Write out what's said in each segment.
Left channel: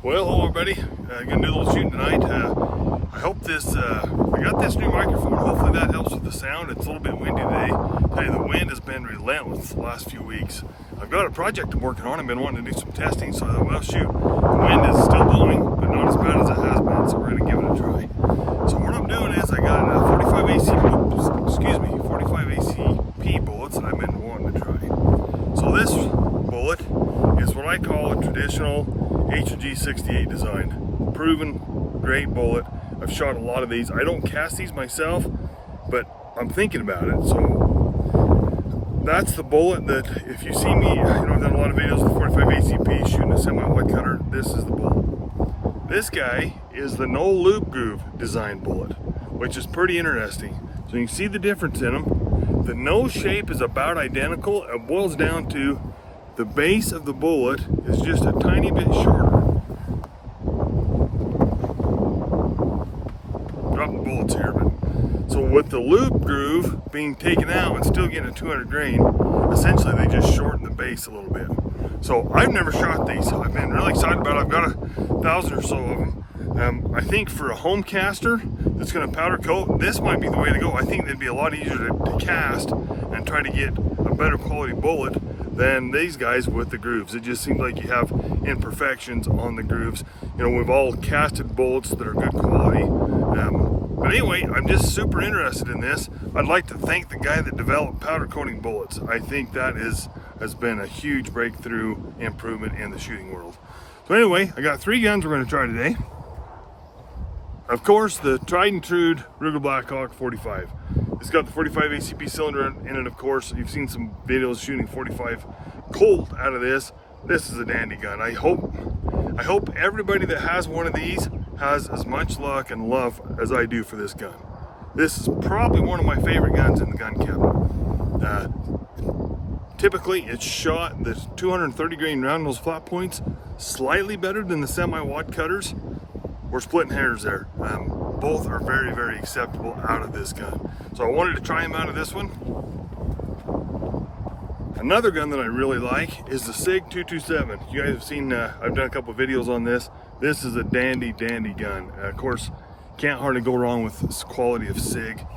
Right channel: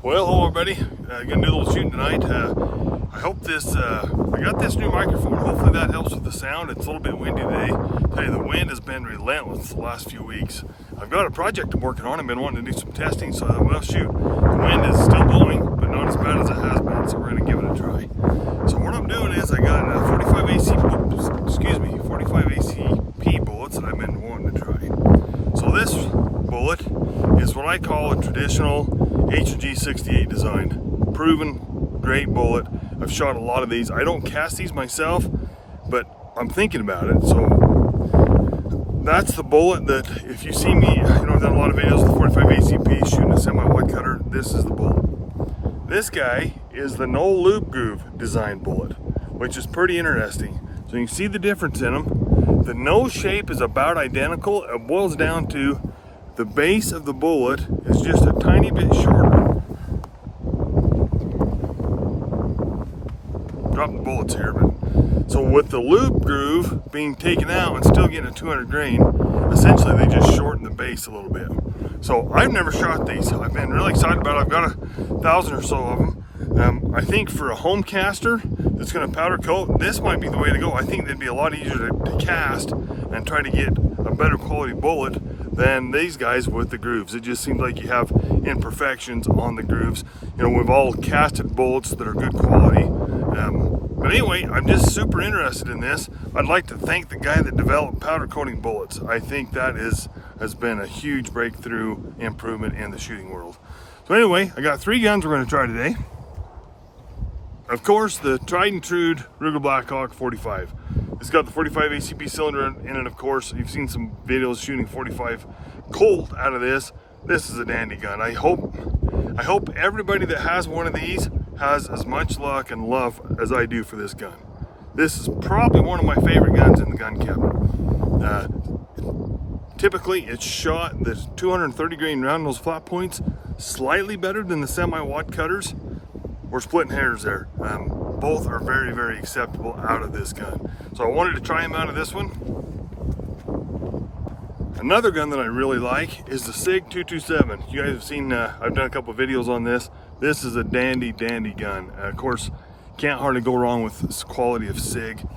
Well, hello everybody. Gonna do a little shooting tonight. I hope I got this new microphone. Hopefully that helps with the sound. It's a little bit windy today. I tell you, the wind has been relentless the last few weeks. I've got a project I'm working on. I've been wanting to do some testing, so well, shoot, the wind is still blowing, but not as bad as it has been, so we're gonna give it a try. So what I'm doing is I got 45 ACP bullets that I've been wanting to try. So this bullet is what I call a traditional HG68 design. Proven, great bullet. I've shot a lot of these. I don't cast these myself, but I'm thinking about it. So that's the bullet that, if you see me, I've done a lot of videos with the 45 ACP shooting a semi-wide cutter. This is the bullet. This guy is the no lube groove design bullet, which is pretty interesting. So you can see the difference in them. The nose shape is about identical. It boils down to the base of the bullet is just a tiny bit shorter. Drop the bullets here, but so with the lube groove being taken out and still getting a 200 grain, essentially they just shorten the base a little bit. So I've never shot these. I've been really excited about it. I've got 1,000 or so of them. I think for a home caster that's going to powder coat, this might be the way to go. I think it'd be a lot easier to cast and try to get a better quality bullet than these guys with the grooves. It just seems like you have imperfections on the grooves. We've all casted bullets that are good quality. But anyway, I'm just super interested in this. I'd like to thank the guy that developed powder coating bullets. I think that has been a huge breakthrough improvement in the shooting world. So anyway, I got 3 guns we're going to try today. Of course, the tried and true Ruger Blackhawk 45. It's got the 45 ACP cylinder in it, of course. You've seen some videos shooting 45 Colt out of this. This is a dandy gun. I hope everybody that has one of these has as much luck and love as I do for this gun. This is probably one of my favorite guns in the gun cabinet. Typically, it's shot the 230 grain round nose flat points slightly better than the semi-wad cutters. We're splitting hairs there. Both are very, very acceptable out of this gun. So I wanted to try them out of this one. Another gun that I really like is the SIG 227. You guys have seen, I've done a couple of videos on this. This is a dandy, dandy gun. Of course, can't hardly go wrong with this quality of SIG.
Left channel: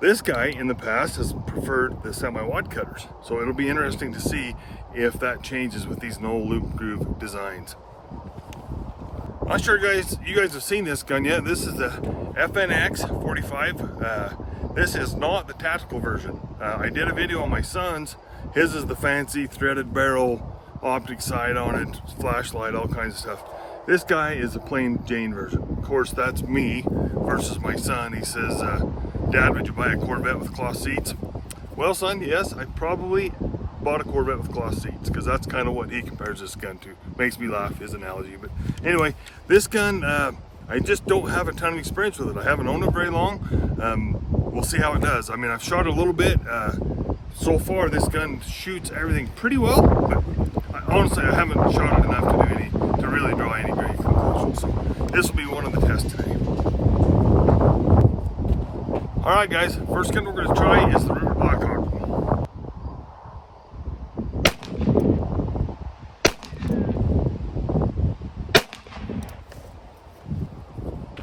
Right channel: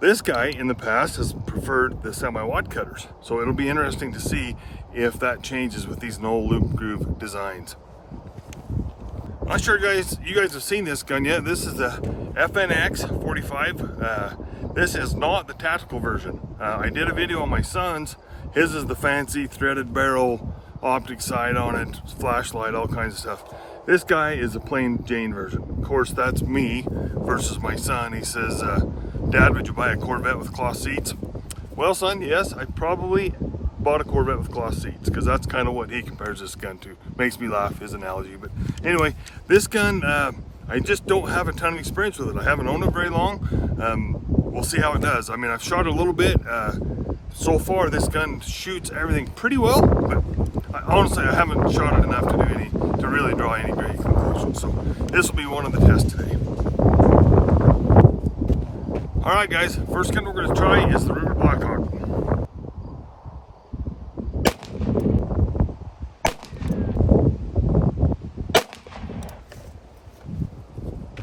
This guy in the past has preferred the semi-wad cutters. So it'll be interesting to see if that changes with these no loop groove designs. I'm not sure you guys have seen this gun yet. This is the FNX 45. This is not the tactical version. I did a video on my son's. His is the fancy threaded barrel, optic sight on it, flashlight, all kinds of stuff. This guy is a plain Jane version. Of course, that's me versus my son. He says, Dad, would you buy a Corvette with cloth seats? Well, son, yes, I probably bought a Corvette with cloth seats, because that's kind of what he compares this gun to. Makes me laugh, his analogy. But anyway, this gun, I just don't have a ton of experience with it. I haven't owned it very long. We'll see how it does. I mean, I've shot a little bit. So far, this gun shoots everything pretty well, but honestly, I haven't shot it enough to really draw any great conclusions. So this will be one of the tests today. All right, guys, first gun we're going to try is the Ruger Blackhawk.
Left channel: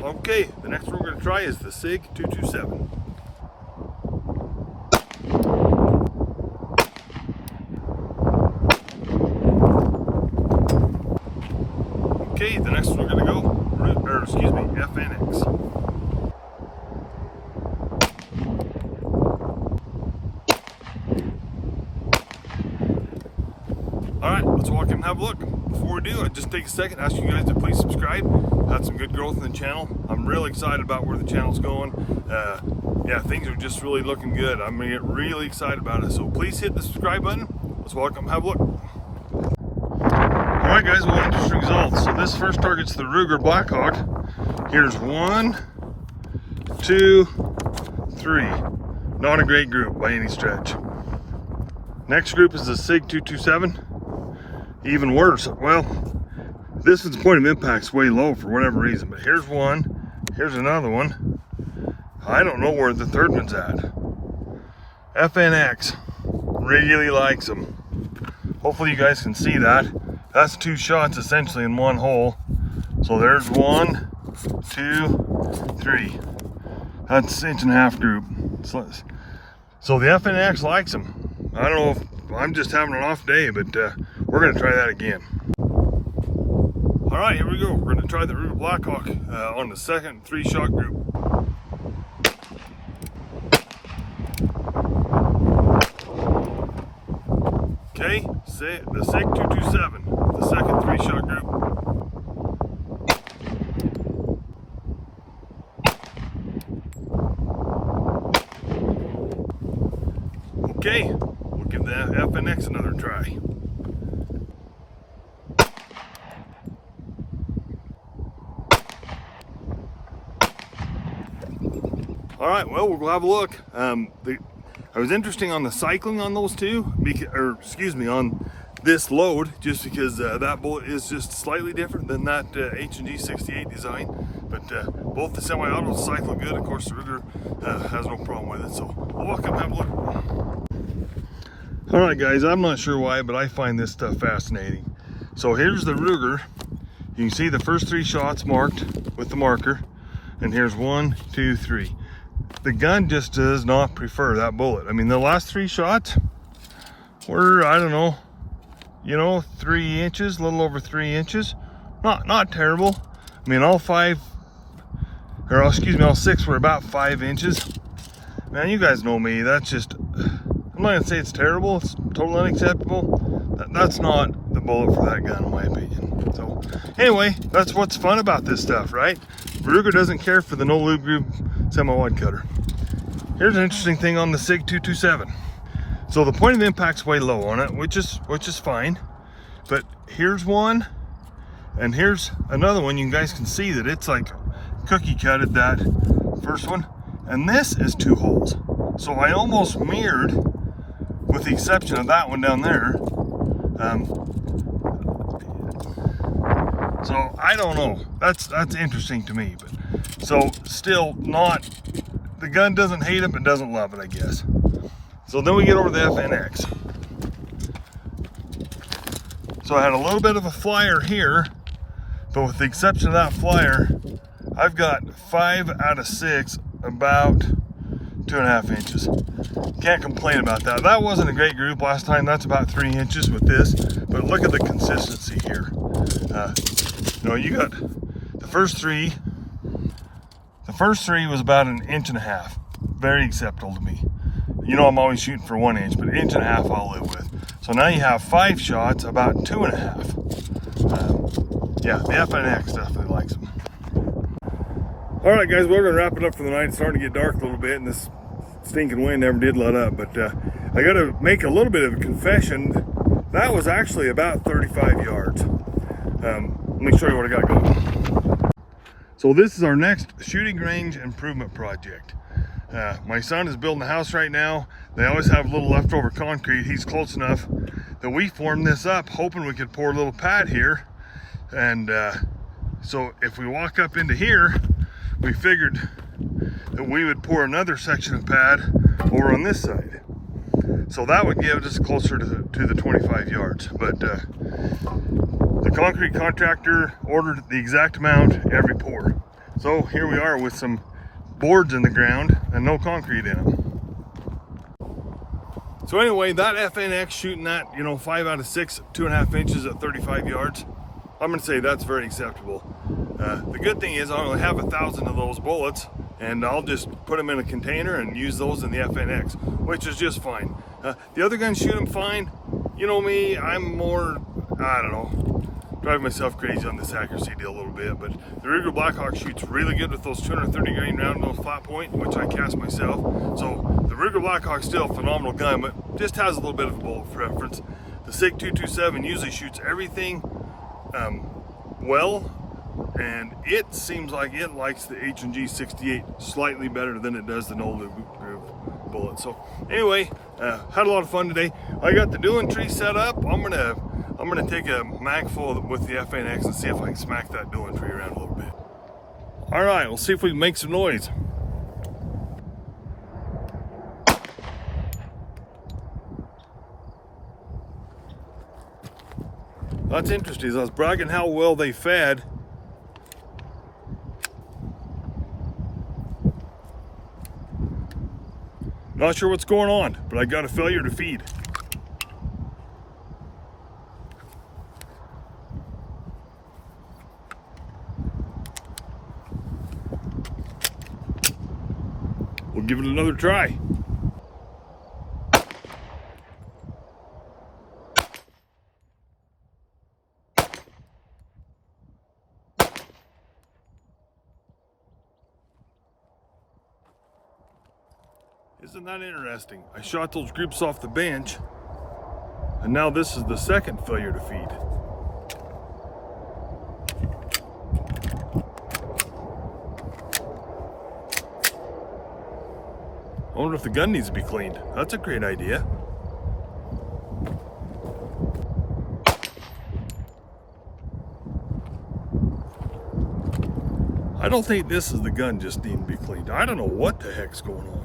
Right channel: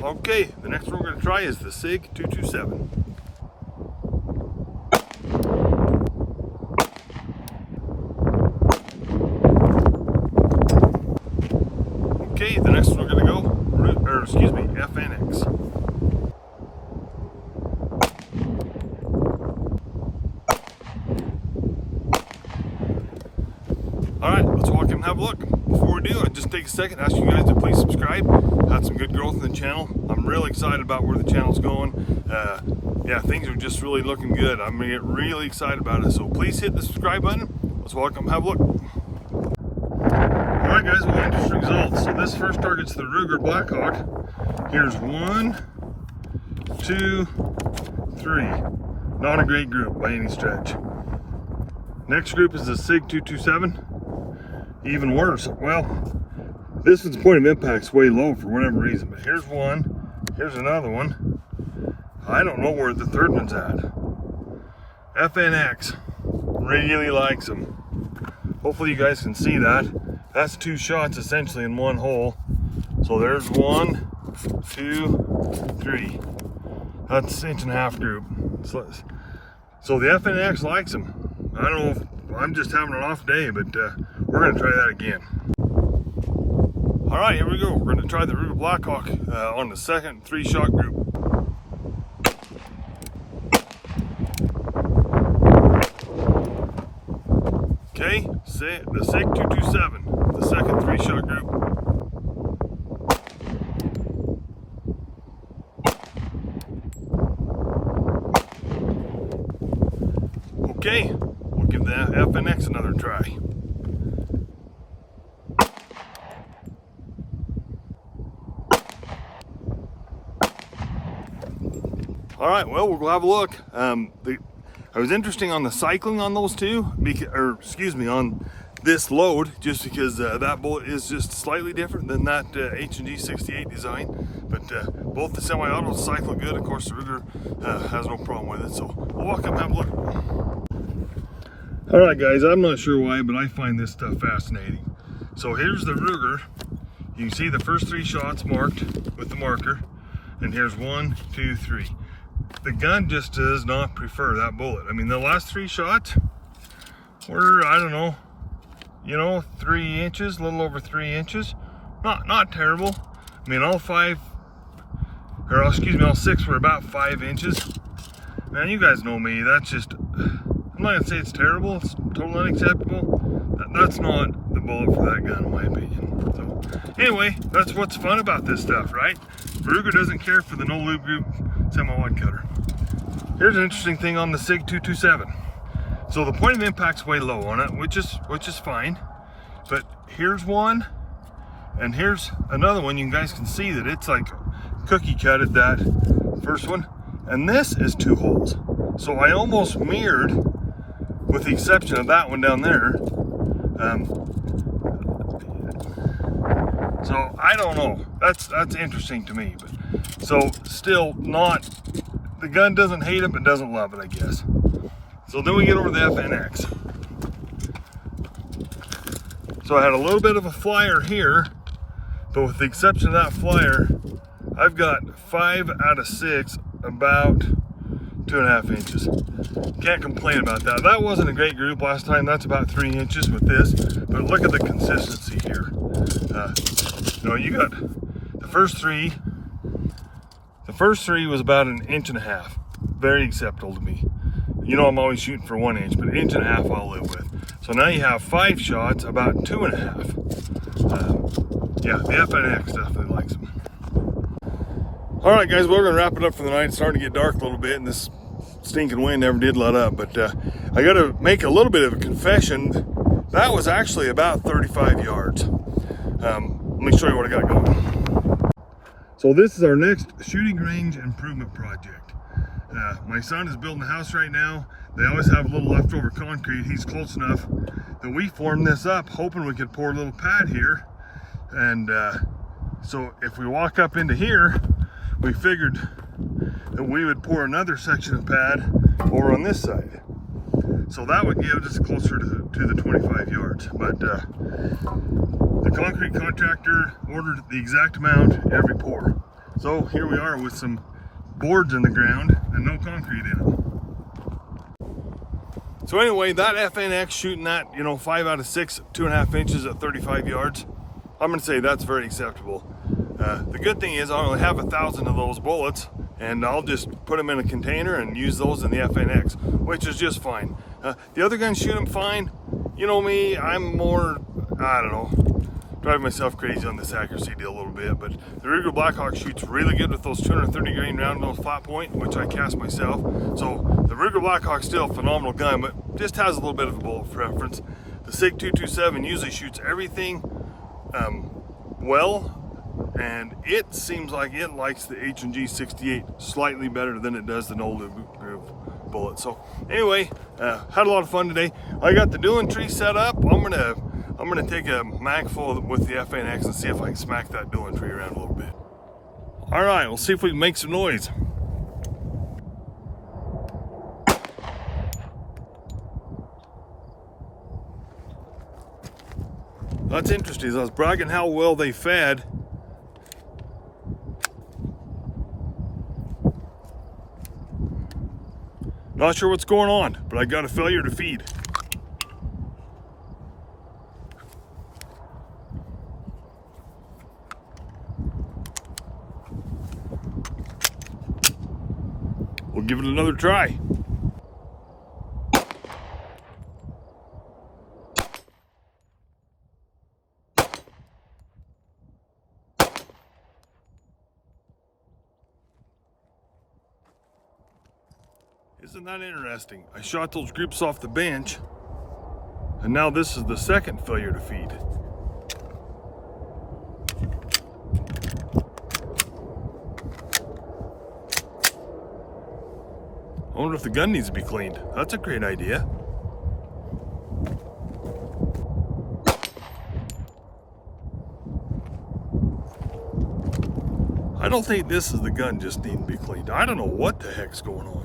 Okay, the next one we're going to try is the SIG 227. Okay, the next one we're going to go, FNX. Alright, let's walk in and have a look. Before we do, I'd just take a second to ask you guys to please subscribe. Had some good growth in the channel. I'm really excited about where the channel's going. Yeah, things are just really looking good. I'm gonna get really excited about it. So please hit the subscribe button. Let's walk up and have a look. Alright guys, well, interesting results. So this first target's the Ruger Blackhawk. Here's 1, 2, 3. Not a great group by any stretch. Next group is the SIG 227. Even worse. Well, this one's point of impact's way low for whatever reason, but here's one, here's another one. I don't know where the third one's at. FNX really likes them. Hopefully you guys can see that. That's 2 shots essentially in one hole. So there's 1, 2, 3. That's 1.5 group. So the FNX likes them. I don't know if I'm just having an off day, but we're gonna try that again. All right, here we go. We're gonna try the Ruger Blackhawk on the second 3-shot group. Okay, the SIG 227, the second 3-shot group. Okay, we'll give the FNX another try. All right, well, we'll have a look. I was interesting on the cycling on those two, on this load, just because that bullet is just slightly different than that H&G 68 design. But both the semi-autos cycle good. Of course, the Ruger has no problem with it. So we'll walk up and have a look. All right, guys, I'm not sure why, but I find this stuff fascinating. So here's the Ruger. You can see the first 3 shots marked with the marker. And here's 1, 2, 3. The gun just does not prefer that bullet. I mean, the last 3 shots were, I don't know, 3 inches, a little over 3 inches. Not terrible. I mean, all 6 were about 5 inches. Man, you guys know me. That's just, I'm not gonna say it's terrible. It's totally unacceptable. That's not the bullet for that gun, in my opinion. So anyway, that's what's fun about this stuff, right? Ruger doesn't care for the no lube group semi-wide cutter. Here's an interesting thing on the SIG 227. So the point of impact's way low on it, which is fine. But here's one, and here's another one. You guys can see that it's like cookie cutted that first one, and this is 2 holes. So I almost mirrored, with the exception of that one down there. So I don't know. That's interesting to me. But so still not. The gun doesn't hate it, but doesn't love it, I guess. So then we get over to the FNX. So I had a little bit of a flyer here, but with the exception of that flyer, I've got 5 out of 6, about 2.5 inches. Can't complain about that. That wasn't a great group last time. That's about 3 inches with this, but look at the consistency here. You got the first 3. The first 3 was about 1.5 inches. Very acceptable to me. I'm always shooting for 1 inch, but 1.5 inches I'll live with. So now you have 5 shots, about 2.5. Yeah, the FNX definitely likes them. All right, guys, we're gonna wrap it up for the night. It's starting to get dark a little bit, and this stinking wind never did let up. But I gotta make a little bit of a confession. That was actually about 35 yards. Let me show you what I got going. So this is our next shooting range improvement project. My son is building a house right now. They always have a little leftover concrete. He's close enough that we formed this up, hoping we could pour a little pad here. And so if we walk up into here, we figured that we would pour another section of pad over on this side. So that would give us closer to the 25 yards. But the concrete contractor ordered the exact amount every pour. So here we are with some boards in the ground and no concrete in them. So anyway, that FNX shooting that, 5 out of 6, 2.5 inches at 35 yards, I'm gonna say that's very acceptable. The good thing is I only have 1,000 of those bullets, and I'll just put them in a container and use those in the FNX, which is just fine. The other guns shoot them fine. You know me, I'm more, I don't know, drive myself crazy on this accuracy deal a little bit, but the Ruger Blackhawk shoots really good with those 230 grain round nose flat point, which I cast myself. So the Ruger Blackhawk's still a phenomenal gun, but just has a little bit of a bullet preference. The SIG 227 usually shoots everything well, and it seems like it likes the H&G 68 slightly better than it does the no lube groove bullet. So anyway, had a lot of fun today. I got the dueling tree set up. I'm gonna take a mag full with the FNX and see if I can smack that dueling tree around a little bit. All right, we'll see if we can make some noise. That's interesting. I was bragging how well they fed. Not sure what's going on, but I got a failure to feed. We'll give it another try. Isn't that interesting? I shot those groups off the bench, and now this is the second failure to feed. I wonder if the gun needs to be cleaned. That's a great idea. I don't think this is the gun just needing to be cleaned. I don't know what the heck's going on.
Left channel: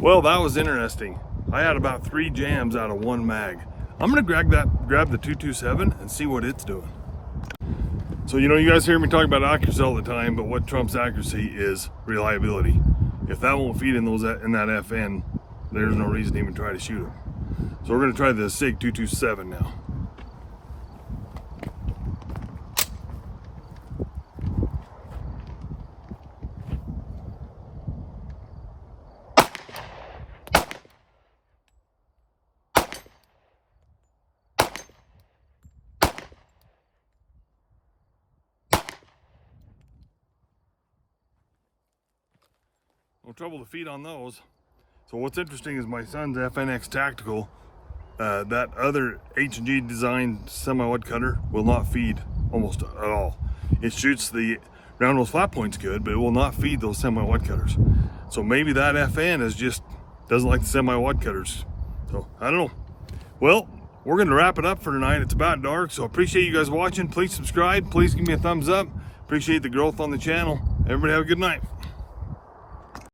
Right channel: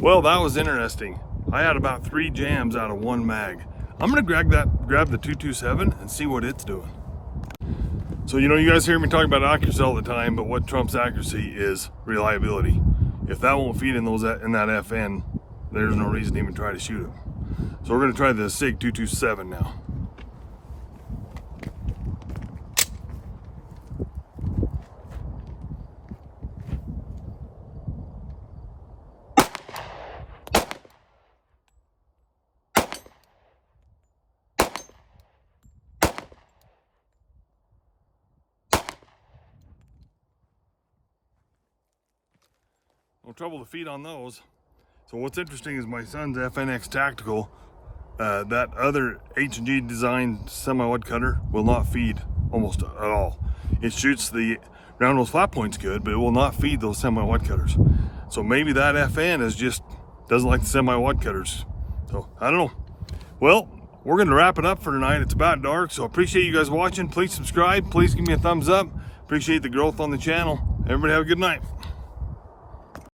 Well, that was interesting. I had about 3 jams out of 1 mag. I'm gonna grab the 227 and see what it's doing. So, you know, you guys hear me talk about accuracy all the time, but what trumps accuracy is reliability. If that won't feed in that FN, there's no reason to even try to shoot it. So we're gonna try the SIG 227 now. No trouble to feed on those. So what's interesting is my son's FNX Tactical, that other H&G designed semi-wide cutter will not feed almost at all. It shoots the round nose flat points good, but it will not feed those semi-wide cutters. So maybe that FN is just doesn't like the semi-wide cutters. So I don't know. Well, we're gonna wrap it up for tonight. It's about dark, so appreciate you guys watching. Please subscribe. Please give me a thumbs up. Appreciate the growth on the channel. Everybody have a good night.